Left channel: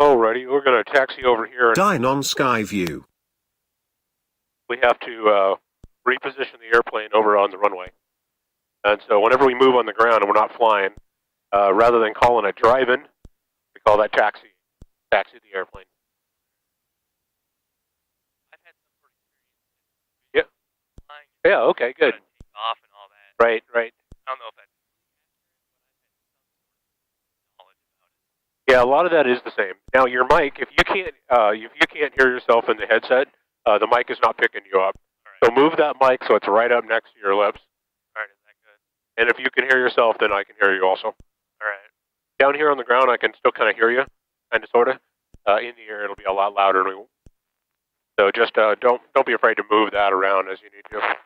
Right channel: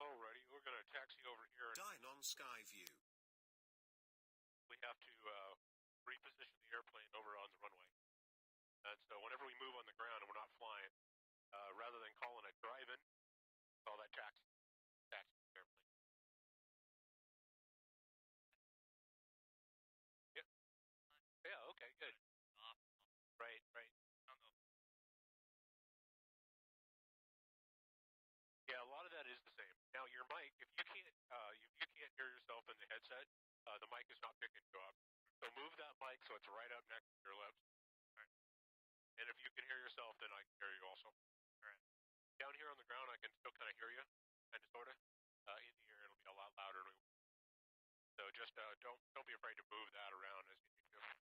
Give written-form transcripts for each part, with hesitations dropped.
Alrighty, we're going to taxi over here. Dynon Skyview. We have to reposition the airplane over on the runway. And so whenever we move on the ground and we're not flying, rather than calling it drive-in, we call that taxi the airplane. I've had some sort of experience. Yeah. Flying. Yeah, okay, good. Take off and all that. Right. I don't know if that's knowledge about it. Yeah, a lot of that is the same. Now your mic, if you can't hear yourself in the headset, the mic is not picking you up. Right. So move that mic so it's right up next to your lips. All right, is that good? And if you can hear yourself, then I can hear you also. All right. Down here on the ground, I can still kind of hear you, kind of, sort of. In the air, it'll be a lot louder. So just don't be afraid to move that around as you need to. Right.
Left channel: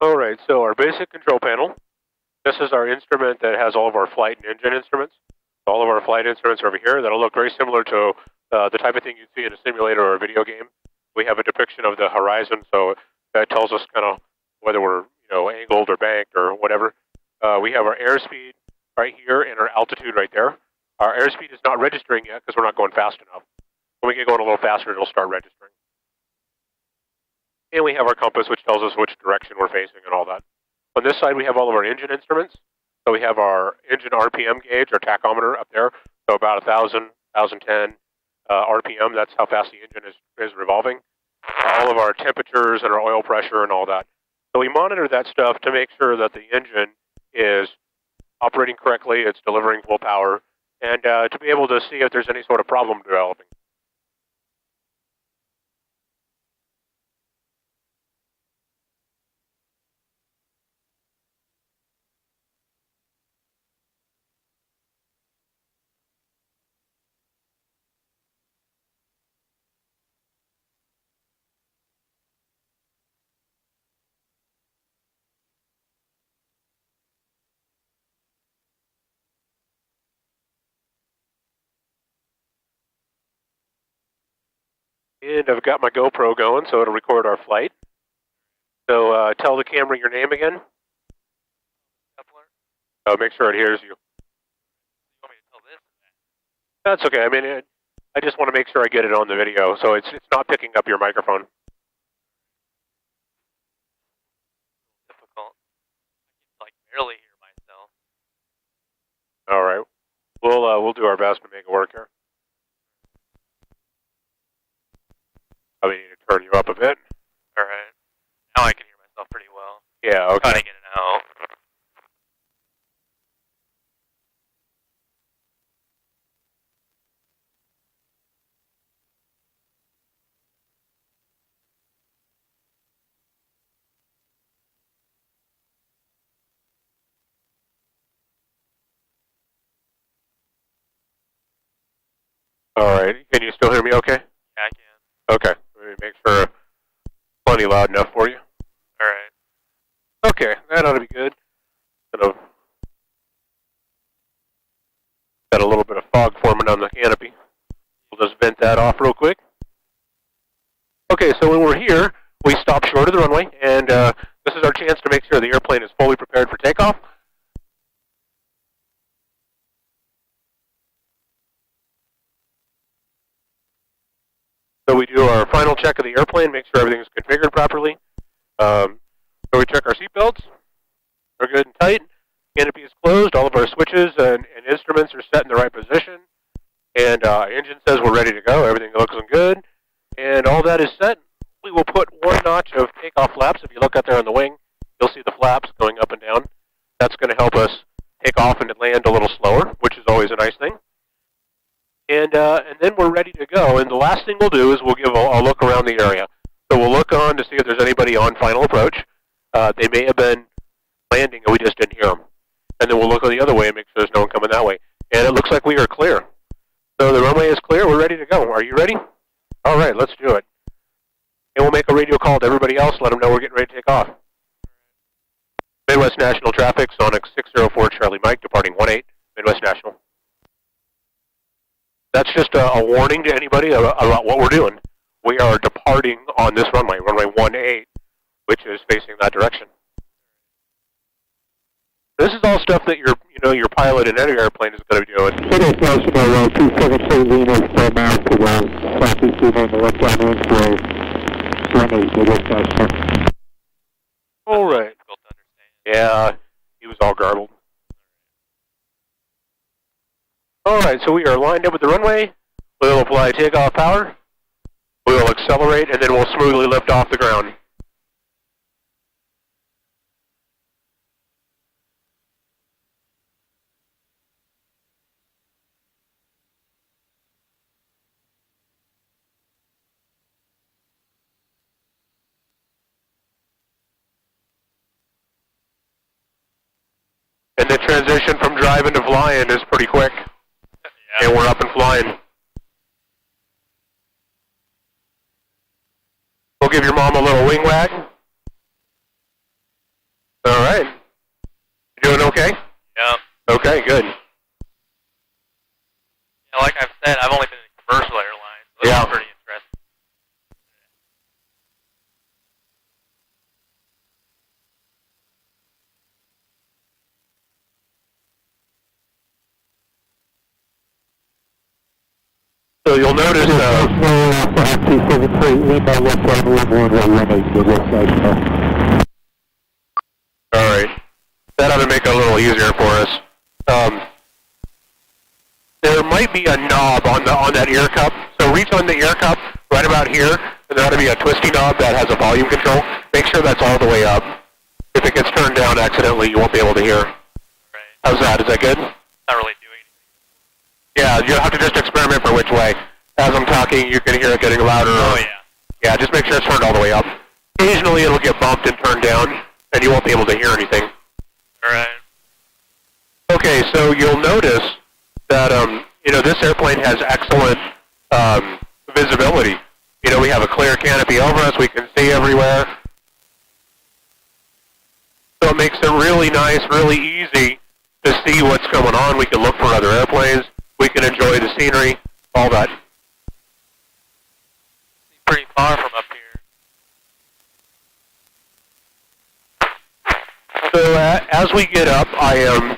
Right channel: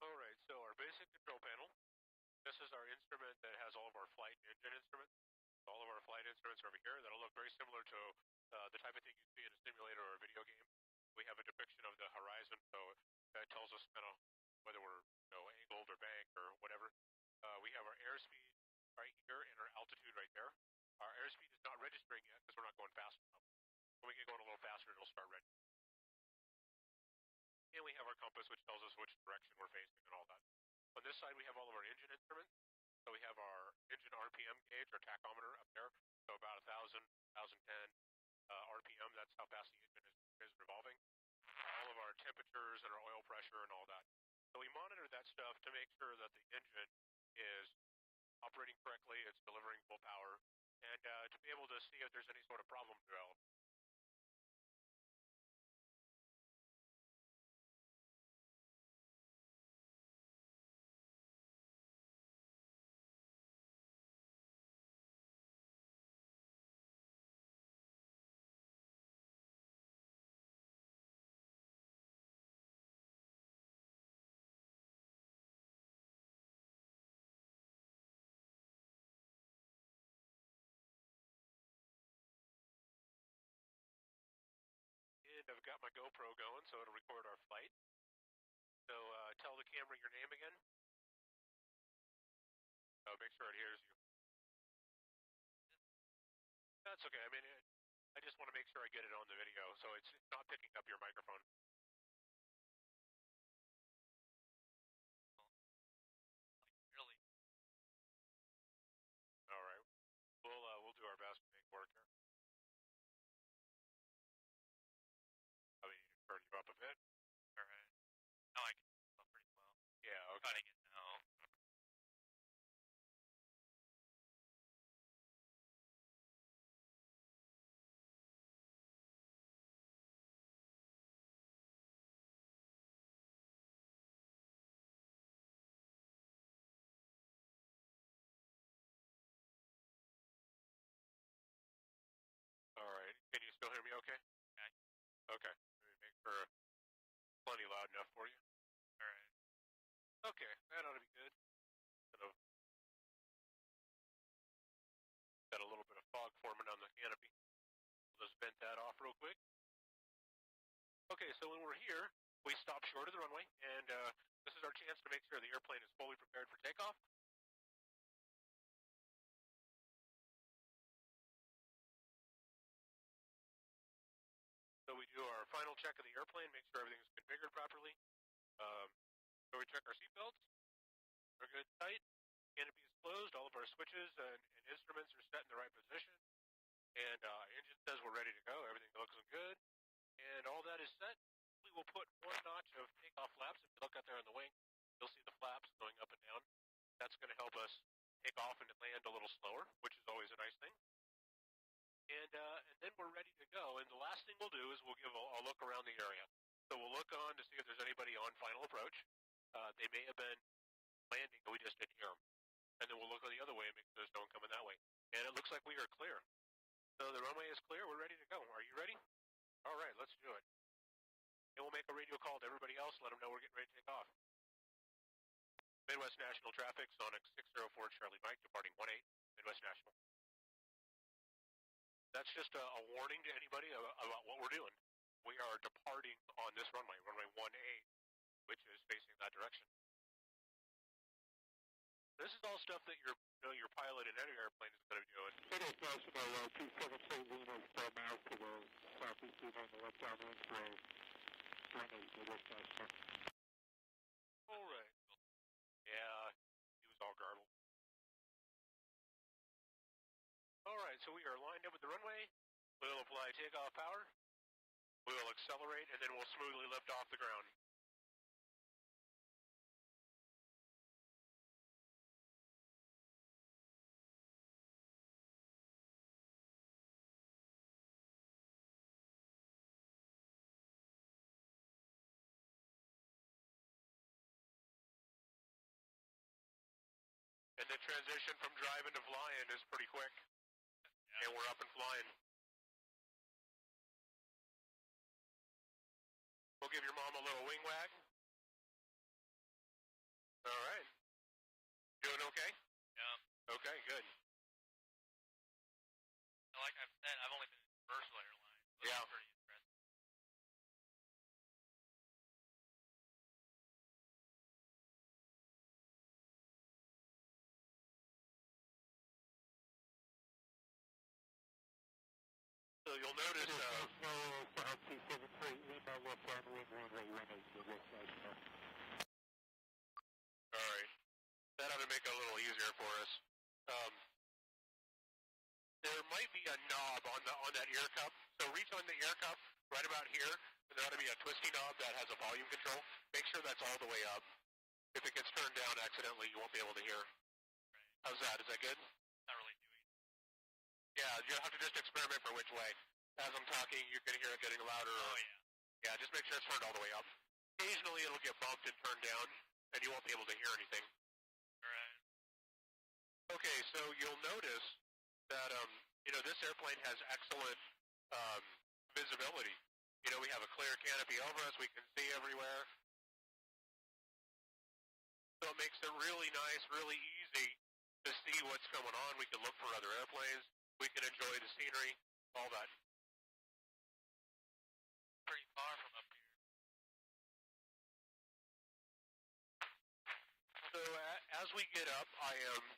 All right, so our basic control panel. This is our instrument that has all of our flight and engine instruments. All of our flight instruments are over here. That'll look very similar to the type of thing you'd see in a simulator or a video game. We have a depiction of the horizon, so that tells us kind of whether we're angled or banked or whatever. We have our airspeed right here and our altitude right there. Our airspeed is not registering yet because we're not going fast enough. When we get going a little faster, it'll start registering. And we have our compass, which tells us which direction we're facing and all that. On this side, we have all of our engine instruments. So we have our engine RPM gauge, our tachometer up there. So about 1,000, 1,010 RPM. That's how fast the engine is revolving. All of our temperatures and our oil pressure and all that. So we monitor that stuff to make sure that the engine is operating correctly, it's delivering full power, and to be able to see if there's any sort of problem developing. And I've got my GoPro going, so it'll record our flight. So tell the camera your name again. Kepler. Make sure it hears you. You want me to tell this? That's okay. I mean, I just want to make sure I get it on the video, so it's not picking up your microphone. Difficult. I can barely hear myself. All right. We'll do our best to make it work here. I need to turn you up a bit. All right. Now I can hear myself pretty well. Yeah, okay. Cutting in and out. All right. Can you still hear me okay? Yeah, I can. Okay. Let me make sure plenty loud enough for you. All right. Okay, that ought to be good. Kind of got a little bit of fog forming on the canopy. We'll just vent that off real quick. Okay, so when we're here, we stop short of the runway, and this is our chance to make sure the airplane is fully prepared for takeoff. So we do our final check of the airplane, make sure everything's configured properly. So we check our seatbelts. They're good and tight. Canopy is closed. All of our switches and instruments are set in the right position. And engine says we're ready to go. Everything looks good. And all that is set. We will put one notch of takeoff flaps. If you look out there on the wing, you'll see the flaps going up and down. That's going to help us take off and land a little slower, which is always a nice thing. And then we're ready to go. And the last thing we'll do is we'll give a look around the area. So we'll look on to see if there's anybody on final approach. They may have been landing and we just didn't hear them. And then we'll look the other way and make sure there's no one coming that way. And it looks like we are clear. So the runway is clear. We're ready to go. Are you ready? All right, let's do it. And we'll make a radio call to everybody else, let them know we're getting ready to take off. Midwest National Traffic, Sonic 604 Charlie Mike, departing 18, Midwest National. That's just a warning to anybody about what we're doing. We are departing on this runway 18, which is facing that direction. This is all stuff that your pilot in any airplane is going to be doing. City National 273 Lima for mount to the southeast on the left down wind for 18, the left national. All right. Difficult to understand. Yeah, he was all garbled. All right, so we are lined up with the runway. We will apply takeoff power. We will accelerate, and then we'll smoothly lift off the ground. And the transition from driving to flying is pretty quick. Yeah. And we're up and flying. We'll give your mom a little wing wag. All right. You doing okay? Yeah. Okay, good. Yeah, like I've said, I've only been in commercial airlines, so this Yeah. is pretty interesting. So you'll notice, 273 Lima left down wind for 18, the left national. all right, that ought to make it a little easier for us. There might be a knob on that ear cup. So reach on the ear cup right about here, and there ought to be a twisty knob that has a volume control. Make sure that's all the way up. If it gets turned down accidentally, you won't be able to hear. Right. How's that? Is that good? Not really doing anything. Yeah, you'll have to just experiment for which way. As I'm talking, you can hear it getting louder. Oh, yeah. Yeah, just make sure it's turned all the way up. Occasionally it'll get bumped and turned down, and you won't be able to hear anything. All right. Okay, so you'll notice that, this airplane has excellent visibility. We have a clear canopy over us. We can see everywhere. So it makes it really nice, really easy to see what's going on. We can look for other airplanes. We can enjoy the scenery, all that. Pretty far from up here. So as we get up, I am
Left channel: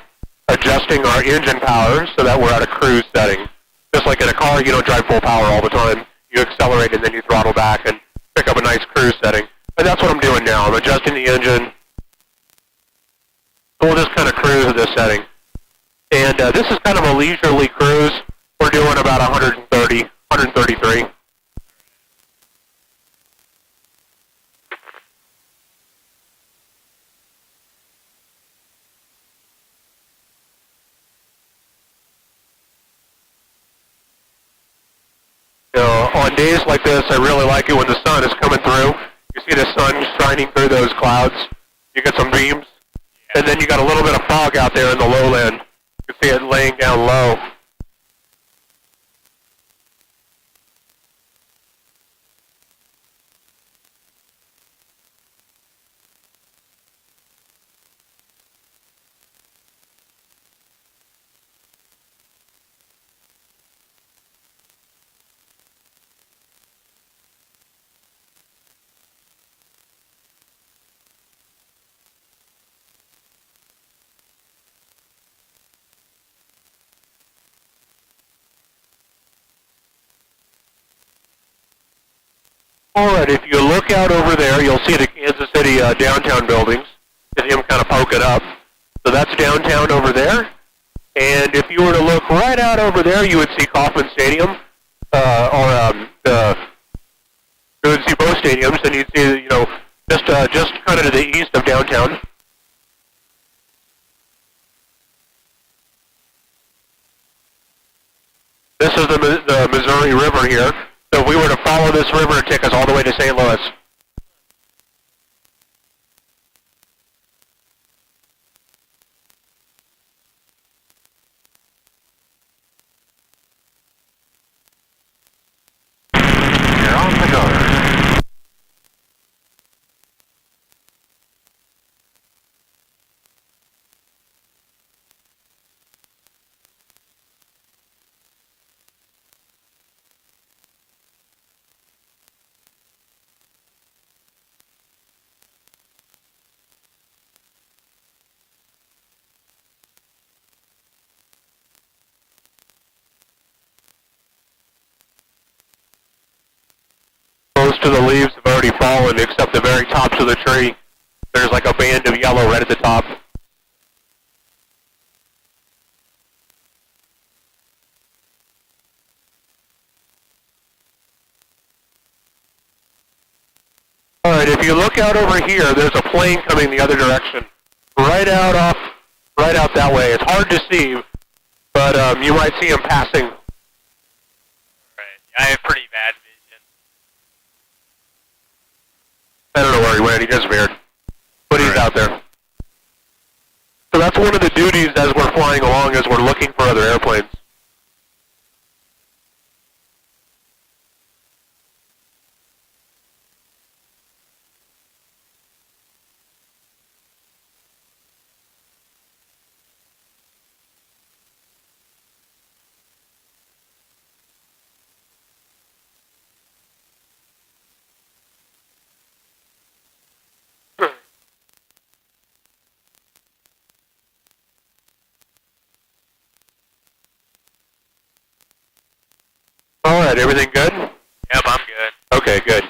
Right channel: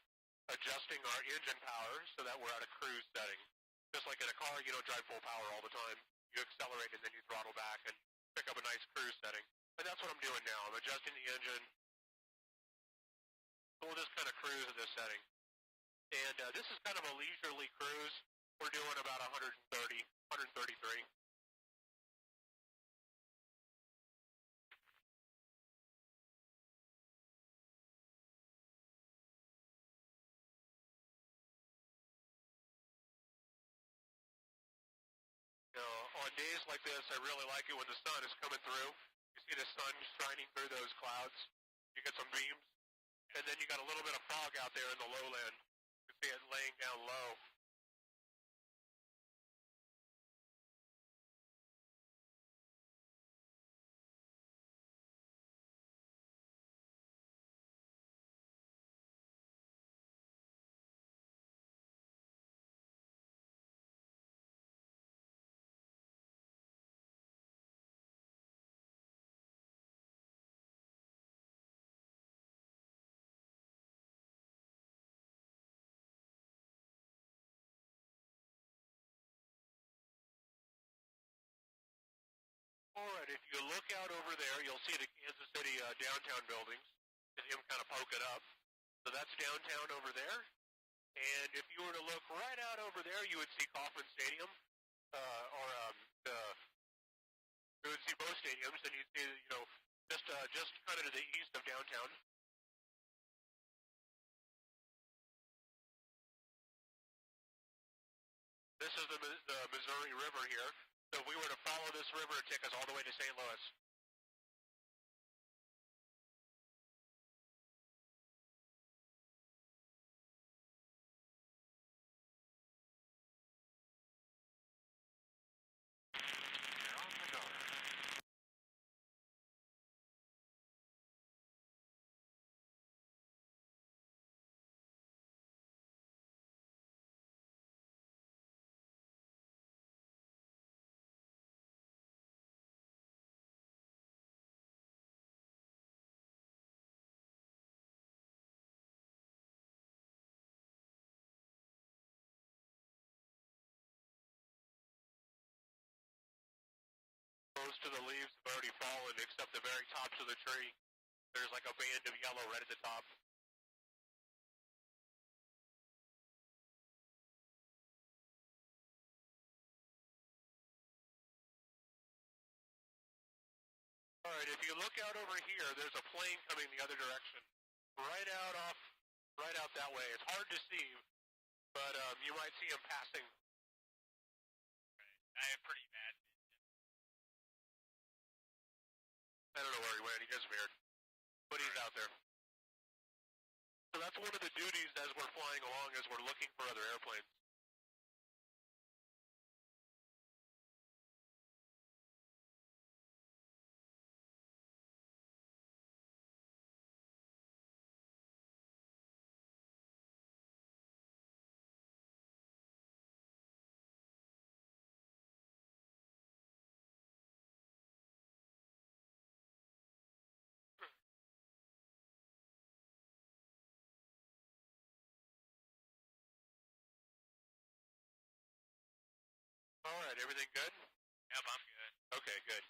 adjusting our engine power so that we're at a cruise setting. Just like in a car, you don't drive full power all the time. You accelerate and then you throttle back and pick up a nice cruise setting. And that's what I'm doing now. I'm adjusting the engine. We'll just kind of cruise at this setting. And this is kind of a leisurely cruise. We're doing about 130, 133. On days like this, I really like it when the sun is coming through. You see the sun shining through those clouds. You get some beams. And then you got a little bit of fog out there in the lowland. You can see it laying down low. All right, if you look out over there, you'll see the Kansas City downtown buildings. You see them kind of poking up. So that's downtown over there. And if you were to look right out over there, you would see Kauffman Stadium, you would see both stadiums, and you'd see, just kind of to the east of downtown. This is the Missouri River here. So if we were to follow this river, it'd take us all the way to St. Louis. You're on the go. Most of the leaves have already fallen except the very tops of the tree. There's like a band of yellow right at the top. Alright, if you look out over here, there's a plane coming the other direction. Right out that way. It's hard to see, but you might see him passing. Right. I have pretty bad vision. I don't know where he went, he disappeared. But he's out there. So that's one of the duties as we're flying along, is we're looking for other airplanes. Alright, everything good? Yep, I'm good. Okay, good.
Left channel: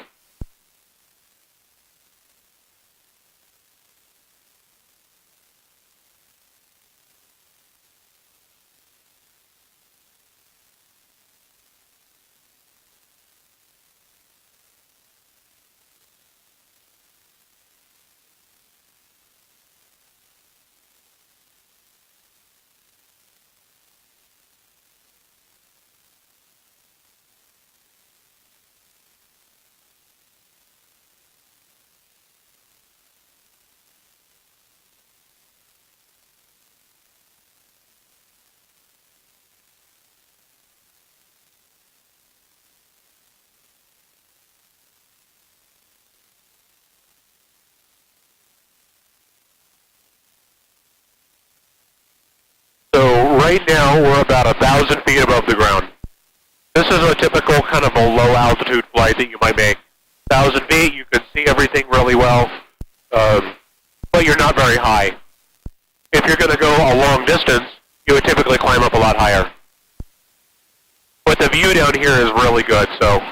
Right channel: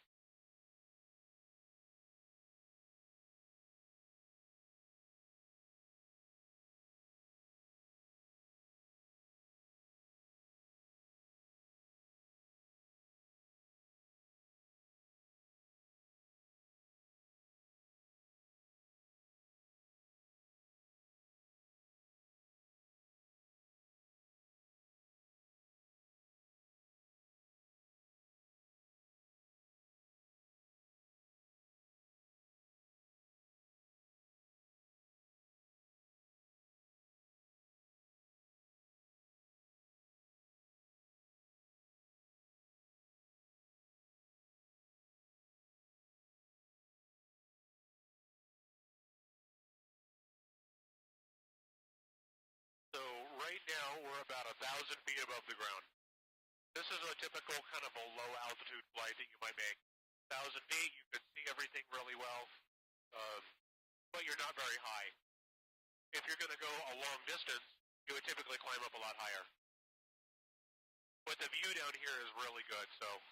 So right now we're about 1,000 feet above the ground. This is a typical kind of a low altitude flight that you might make. 1,000 feet, you can see everything really well, but you're not very high. If you're going to go a long distance, you would typically climb up a lot higher. But the view down here is really good, so.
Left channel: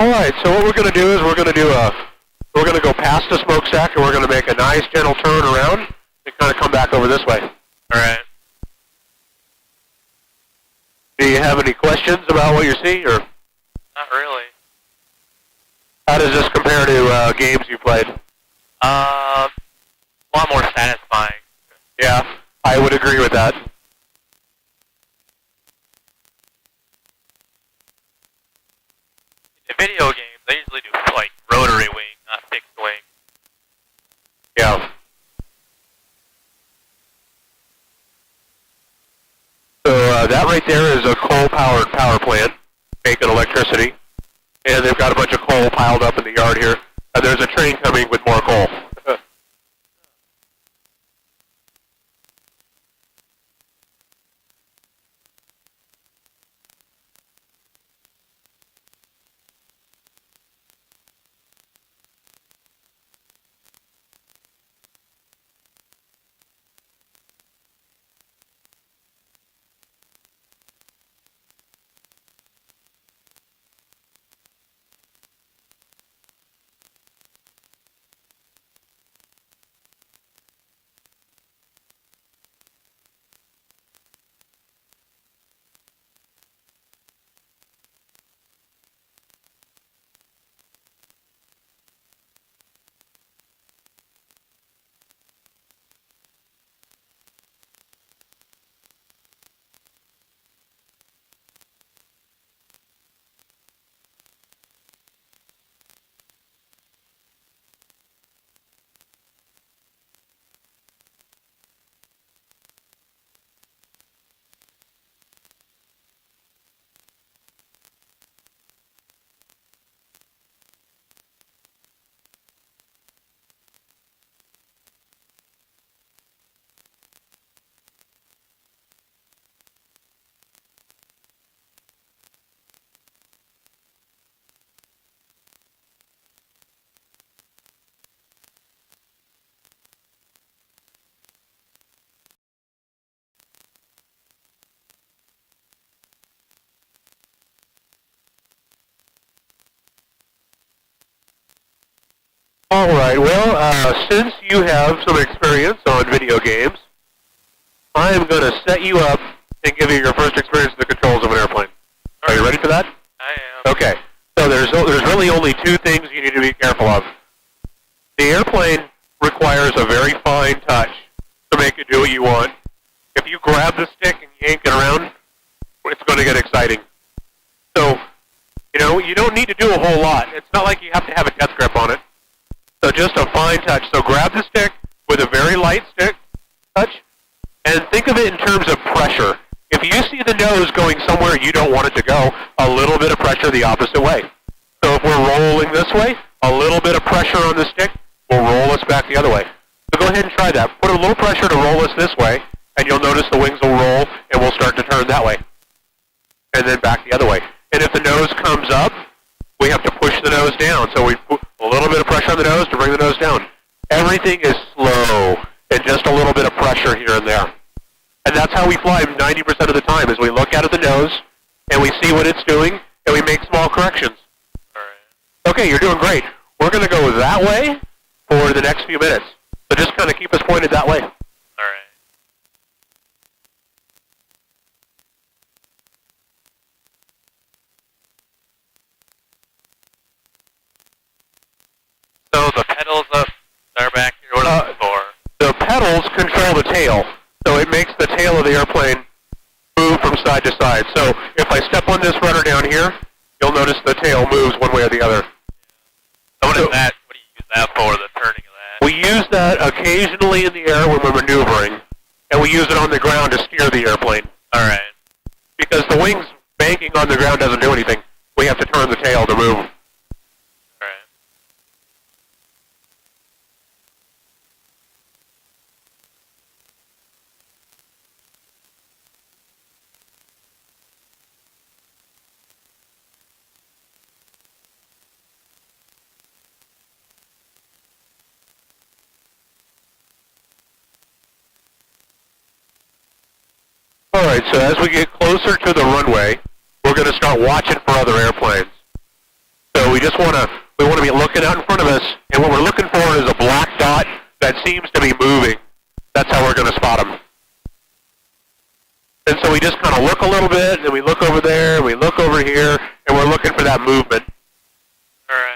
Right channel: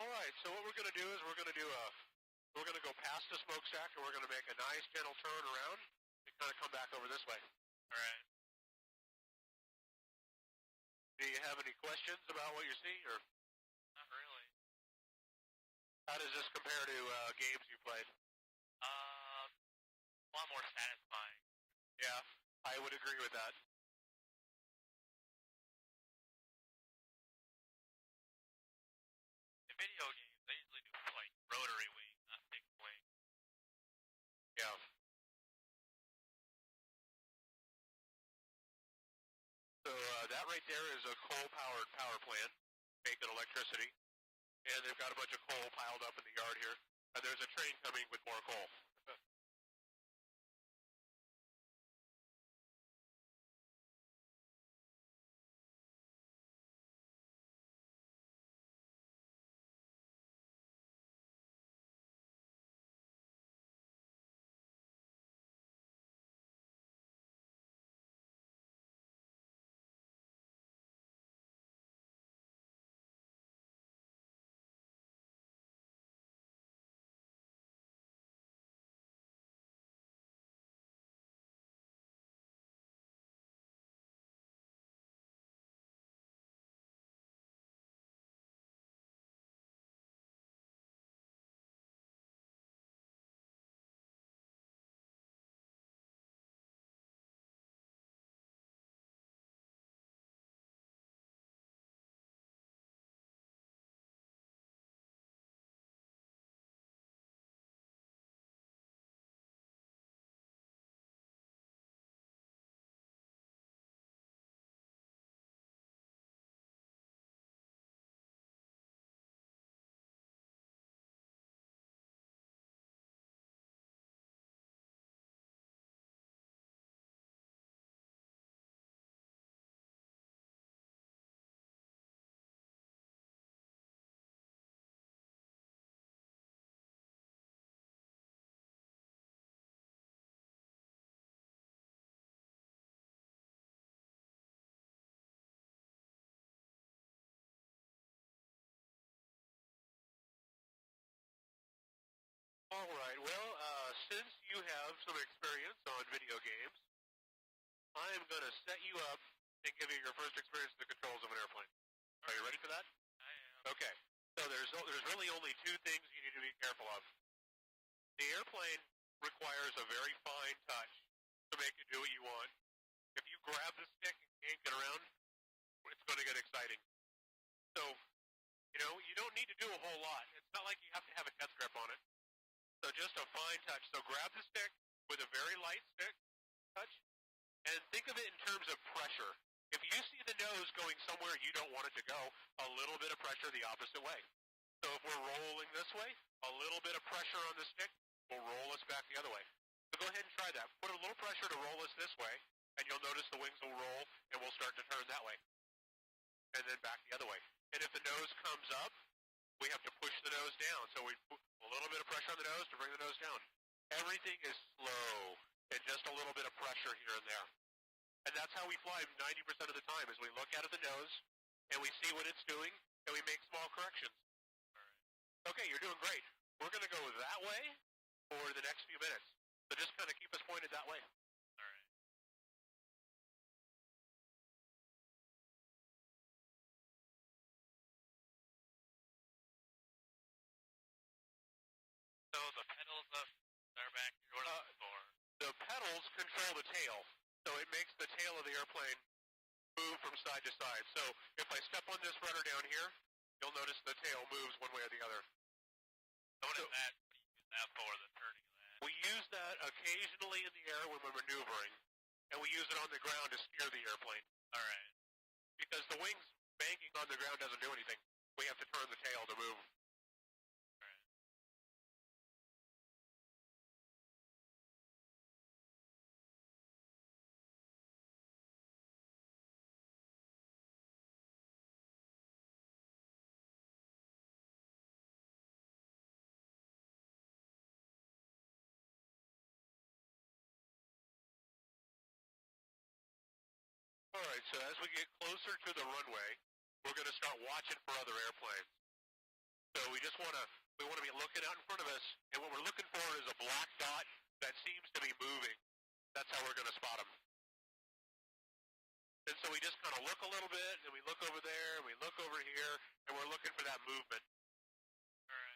Alright, so what we're going to do is we're going to go past the smokestack and we're going to make a nice gentle turn around and kind of come back over this way. Alright. Do you have any questions about what you see, or Not really. how does this compare to games you played? A lot more satisfying. Yeah, I would agree with that. In video games, they usually do like rotary wing, not fixed wing. Yeah. So that right there is a coal-powered power plant making electricity. And they've got a bunch of coal piled up in the yard here. And there's a train coming with more coal. right, well, since you have some experience on video games, I am going to set you up and give you your first experience with the controls of an airplane. Are you ready for that? I am. Okay, so there's really only two things you need to be careful of. The airplane requires a very fine touch to make it do what you want. If you grab the stick and yank it around, it's going to get exciting. So, you don't need to do a whole lot. It's not like you have to have a death grip on it. So just a fine touch. So grab the stick with a very light stick touch, and think of it in terms of pressure. If you see the nose going somewhere you don't want it to go, a little bit of pressure the opposite way. So if we're rolling this way, a little bit of pressure on the stick will roll us back the other way. So go ahead and try that. Put a little pressure to roll us this way, and you'll notice the wings will roll, and we'll start to turn that way. And then back the other way. And if the nose comes up, we have to push the nose down. So we put a little bit of pressure on the nose to bring the nose down. Everything is slow and just a little bit of pressure here and there. And that's how we fly 90% of the time, is we look out at the nose, and we see what it's doing, and we make small corrections. All right. Okay, you're doing great. We're going to go that way for the next few minutes. So just kind of keep us pointed that way. All right. So the pedals up are back here. What are they for? The pedals control the tail, so it makes the tail of the airplane move from side to side. So if I step on this rudder down here, you'll notice the tail moves one way or the other. So what is that? What do you use that for, the turning of that? We use that occasionally in the air when we're maneuvering, and we use it on the ground to steer the airplane. All right. Because the wings banking on the ground doesn't do anything. We have to turn the tail to move. All right. All right, so as we get closer to the runway, we're going to start watching for other airplanes. So we just want to be looking out in front of us, and what we're looking for is a black dot that seems to be moving. That's how we're going to spot them. And so we just kind of look a little bit, and we look over there, and we look over here, and we're looking for that movement. All right.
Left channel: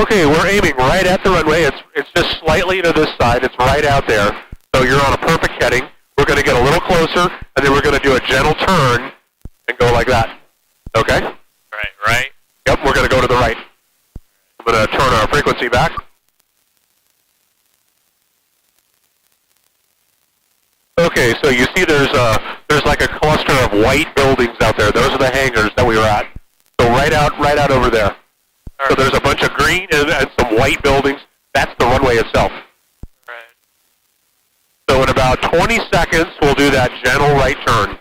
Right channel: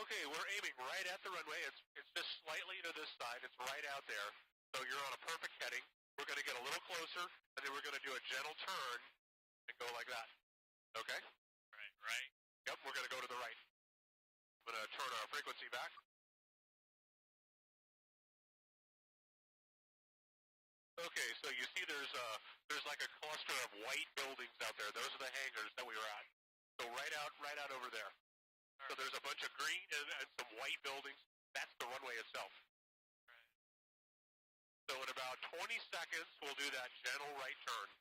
Okay, we're aiming right at the runway. It's just slightly to this side. It's right out there. So you're on a perfect heading. We're going to get a little closer, and then we're going to do a gentle turn and go like that. Okay? Right. Yep, we're going to go to the right. I'm going to turn our frequency back. Okay, so you see there's like a cluster of white buildings out there. Those are the hangars that we were at. So right out over there. So there's a bunch of green and some white buildings. That's the runway itself. Right. So in about 20 seconds, we'll do that gentle right turn.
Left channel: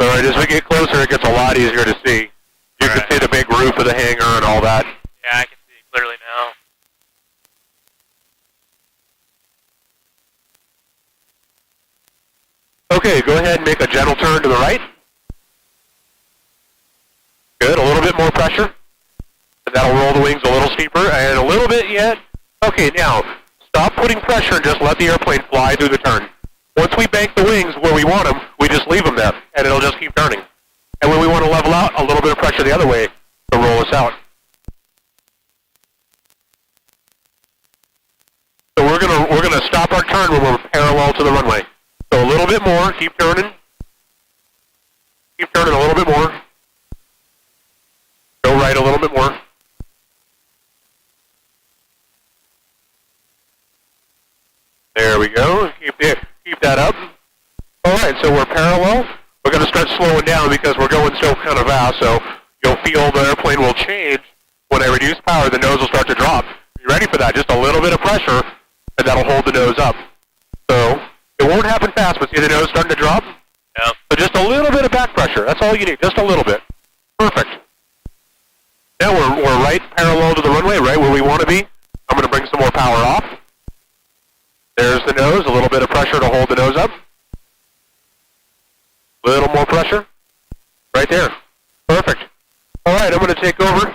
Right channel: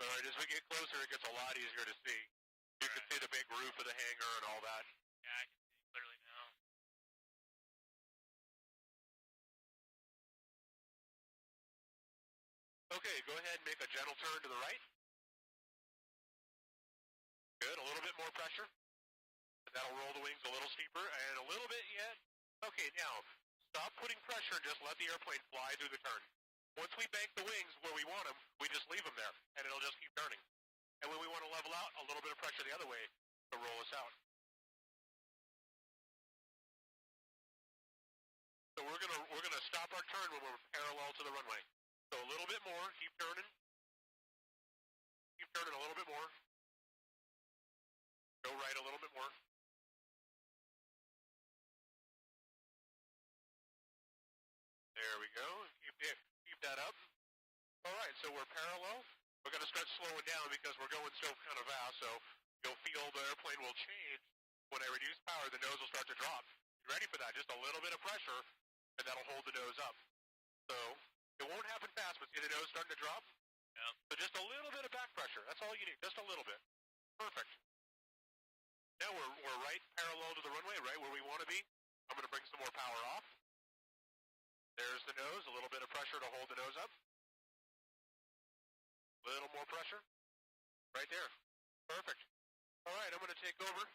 All right, as we get closer, it gets a lot easier to see. You can see the big roof of the hangar and all that. Yeah, I can see it clearly now. Okay, go ahead and make a gentle turn to the right. Good, a little bit more pressure. And that'll roll the wings a little steeper, and a little bit yet. Okay, now, stop putting pressure and just let the airplane fly through the turn. Once we bank the wings where we want them, we just leave them there, and it'll just keep turning. And when we want to level out, a little bit of pressure the other way to roll us out. So we're gonna stop our turn when we're parallel to the runway. So a little bit more, keep turning. Keep turning a little bit more. Go right a little bit more. There we go. Keep that up. All right, so we're parallel. We're going to start slowing down because we're going so kind of fast, so you'll feel the airplane will change. When I reduce power, the nose will start to drop. You ready for that? Just a little bit of pressure, and that'll hold the nose up. So it won't happen fast, but see the nose starting to drop? Yeah. So just a little bit of back pressure. That's all you need, just a little bit. Perfect. Now we're right parallel to the runway, right where we want to be. I'm going to bring some more power off. There's the nose, a little bit of pressure to hold little more pressure. Right there. Perfect. All right, I'm going to take over.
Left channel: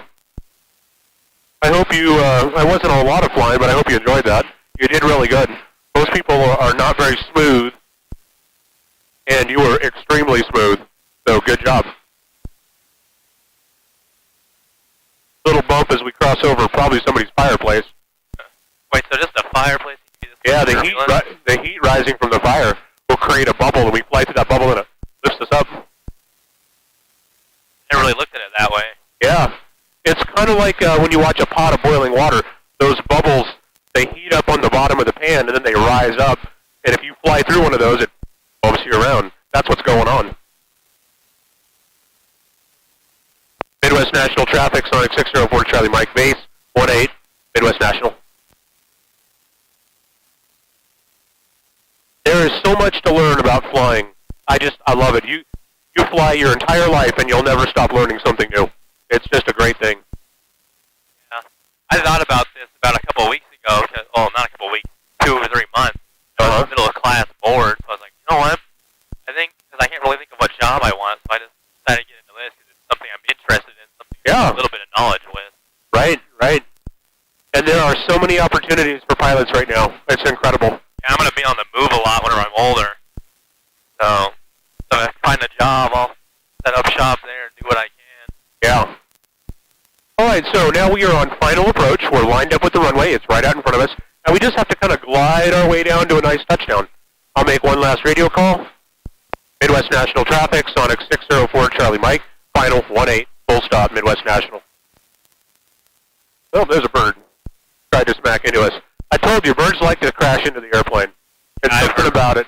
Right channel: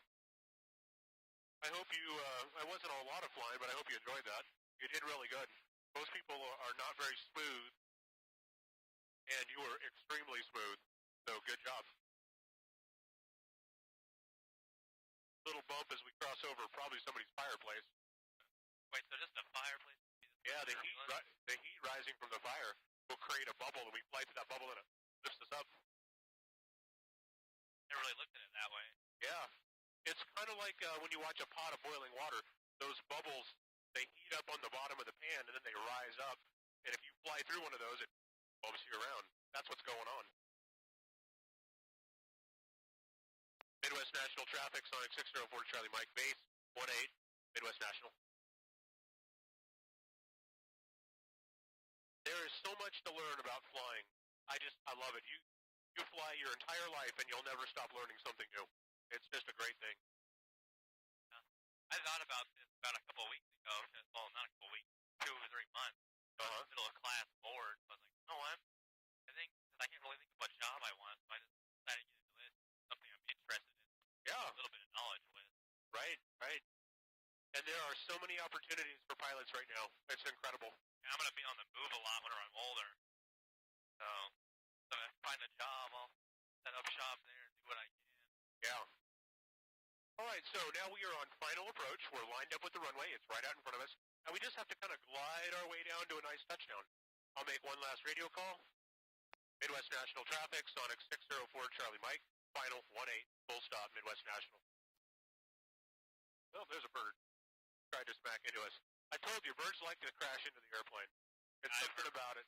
I hope you, I wasn't a lot of flying, but I hope you enjoyed that. You did really good. Most people are not very smooth, and you were extremely smooth, so good job. Little bump as we cross over probably somebody's fireplace. Wait, so just a fireplace? Yeah, the heat rising from the fire will create a bubble, and we fly through that bubble, and it lifts us up. I never really looked at it that way. Yeah. It's kind of like when you watch a pot of boiling water. Those bubbles, they heat up on the bottom of the pan, and then they rise up. And if you fly through one of those, it bumps you around. That's what's going on. Midwest National Traffic, Sonic 604 Charlie Mike, base 18, Midwest National. There is so much to learn about flying. I love it. You fly your entire life, and you'll never stop learning something new. It's just a great thing. Yeah. I thought about this about a couple of weeks ago. Well, not a couple of weeks, 2 or 3 months. I was in the middle of class bored, so I was like, you know what? I think, because I can't really think of what job I want, so I just decided to get into this because it's something I'm interested in, something I have a little bit of knowledge with. Right. And there are so many opportunities for pilots right now. It's incredible. Yeah, I'm going to be on the move a lot whenever I'm older. So if I find a job, I'll set up shop there and do what I can. Yeah. All right, so now we are on final approach. We're lined up with the runway. It's right out in front of us. And we just have to kind of glide our way down to a nice touchdown. I'll make one last radio call. Midwest National Traffic, Sonic 604 Charlie Mike, final 18, full stop, Midwest National. Oh, there's a bird. Tried to smack into us. I told you, birds like to crash into the airplane. There's something about it.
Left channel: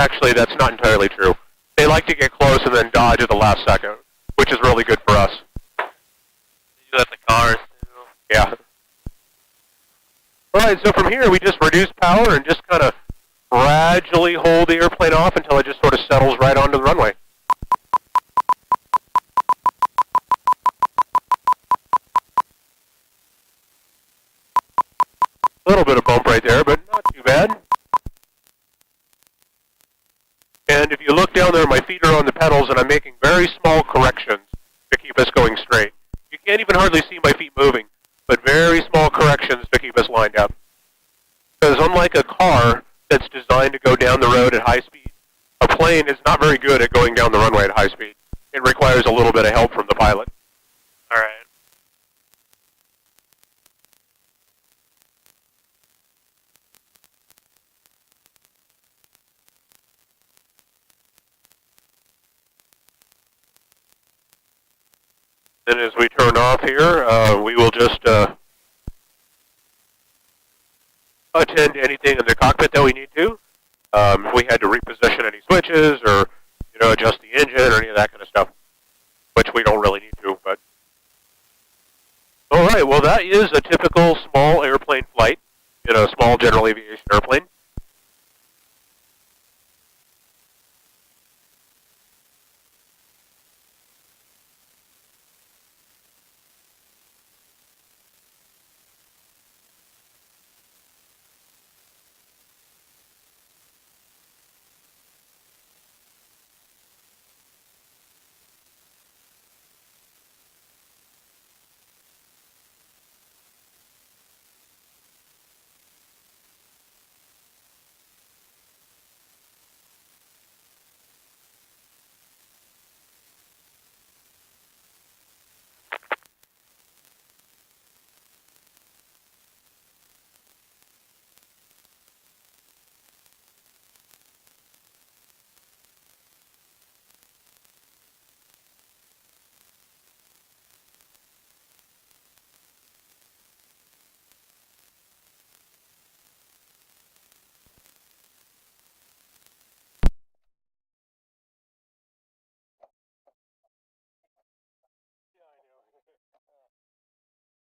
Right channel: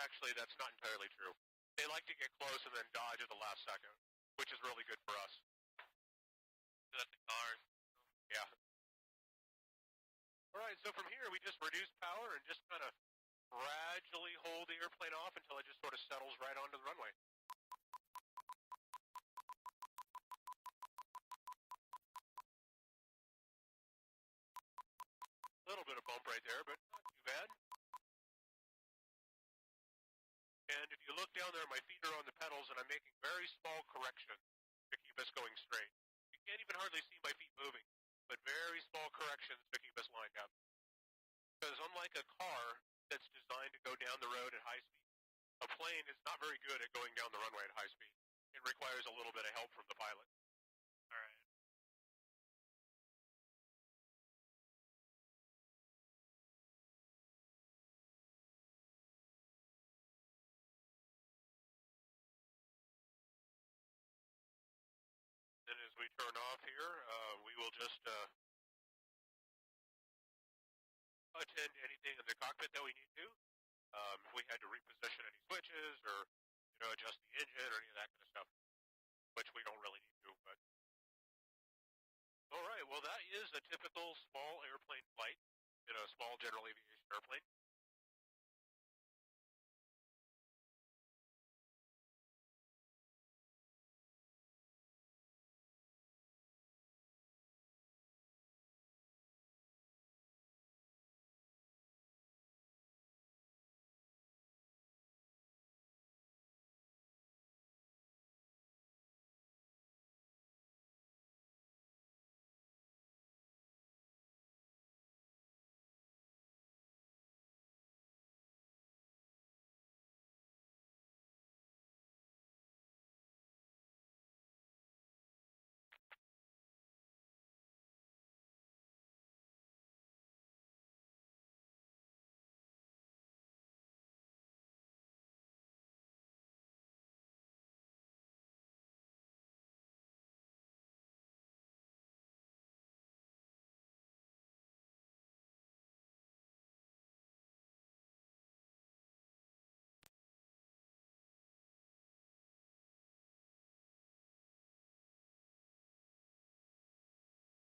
Actually, that's not entirely true. They like to get close and then dodge at the last second, which is really good for us. You do that to cars, too. Yeah. All right, so from here, we just reduce power and just kind of gradually hold the airplane off until it just sort of settles right onto the runway. A little bit of bump right there, but not too bad. And if you look down there, my feet are on the pedals, and I'm making very small corrections to keep us going straight. You can't even hardly see my feet moving, but very small corrections to keep us lined up. Because unlike a car that's designed to go down the road at high speed, a plane is not very good at going down the runway at high speed. It requires a little bit of help from the pilot. All right. Then as we turn off here, we will just attend to anything in the cockpit that we need to. If we had to reposition any switches or, adjust the engine or any of that kind of stuff, which we don't really need to. But all right, well, that is a typical